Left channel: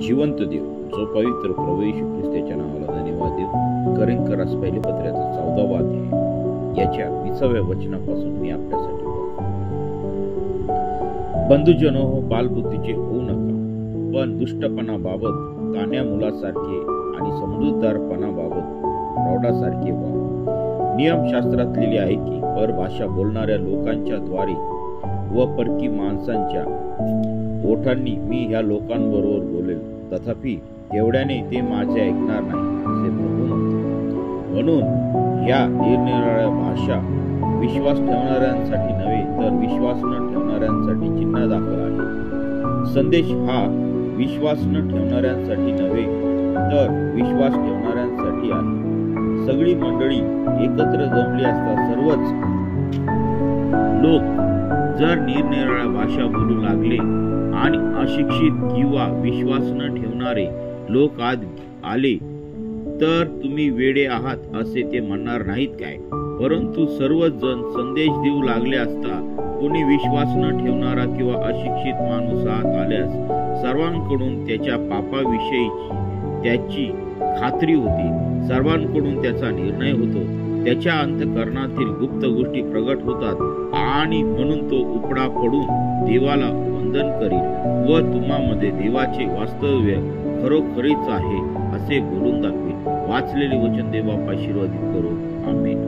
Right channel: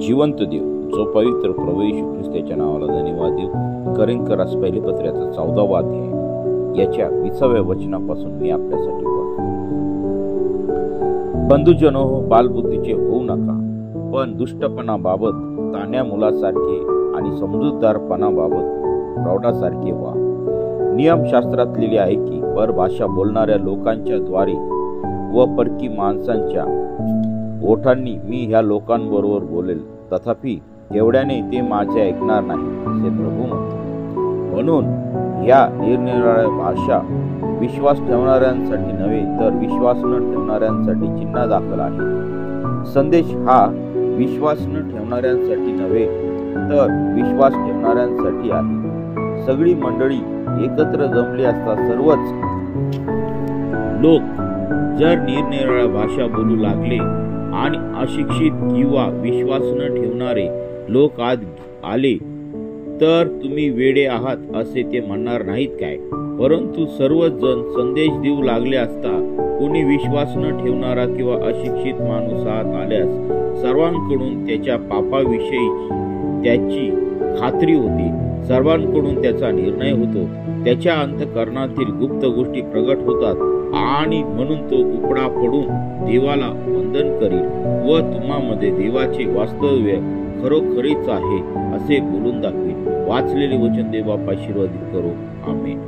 जिवंत देव, जो पवित्र प्रभू येशू ख्रिस्ताच्या नावाला धन्यवाद देऊ. करिंथकरास पहिले पत्र्याचा 14वा अध्याय याच्या 20व्या वचनापासून मी आपल्यासाठी वाचतो. बंधुजनो, बालबुद्धीचे होऊ नका, पण दुष्टपणाबाबत तान्ह्या मुलासारखे आणि समजूतदारपणाबाबत प्रौढासारखे व्हा. नियमशास्त्रात लिहिले आहे की परभाषा बोलणाऱ्या लोकांच्या द्वारे व परकी माणसांच्या ओठांनी मी ह्या लोकांबरोबर बोलेल, तथापि एवढ्याने ते माझे ऐकणार नाही, असे प्रभू म्हणतो. म्हणून ह्या निरनिराळ्या भाषा विश्वास ठेवणाऱ्यांसाठी नव्हे, तर विश्वास न ठेवणाऱ्यांसाठी चिन्ह दाखल आहे. संदेश हा विश्वास न ठेवणाऱ्यांसाठी नव्हे, तर विश्वास ठेवणाऱ्यांसाठी आहे. सगळी मंडळी एकत्र जमली असता सर्वच लोक जर निरनिराळ्या भाषा बोलू लागले आणि अशिक्षित किंवा विश्वास न ठेवणारे लोक आत आले, तर तुम्ही वेडे आहात असे ते म्हणणार नाहीत काय? परंतु सर्वच जण संदेश देऊ लागले असता कोणी विश्वास न ठेवणारा किंवा अशिक्षित माणूस आत आल्यास सर्वांकडून त्याच्या पापाविषयी त्याची खात्री होते, सर्वांकडून त्याचा निर्णय होतो, त्याच्या अंतःकरणातील गुप्त गोष्टी प्रगट होतात आणि म्हणून तो उपडा पडून देवाला वंदन करील व तुम्हामध्ये देवाचे वास्तव्य खरोखरीच आहे असे बोलून दाखवेल. वाचलेले वचन देव बाप्पा आशीर्वादित करो. आमेन.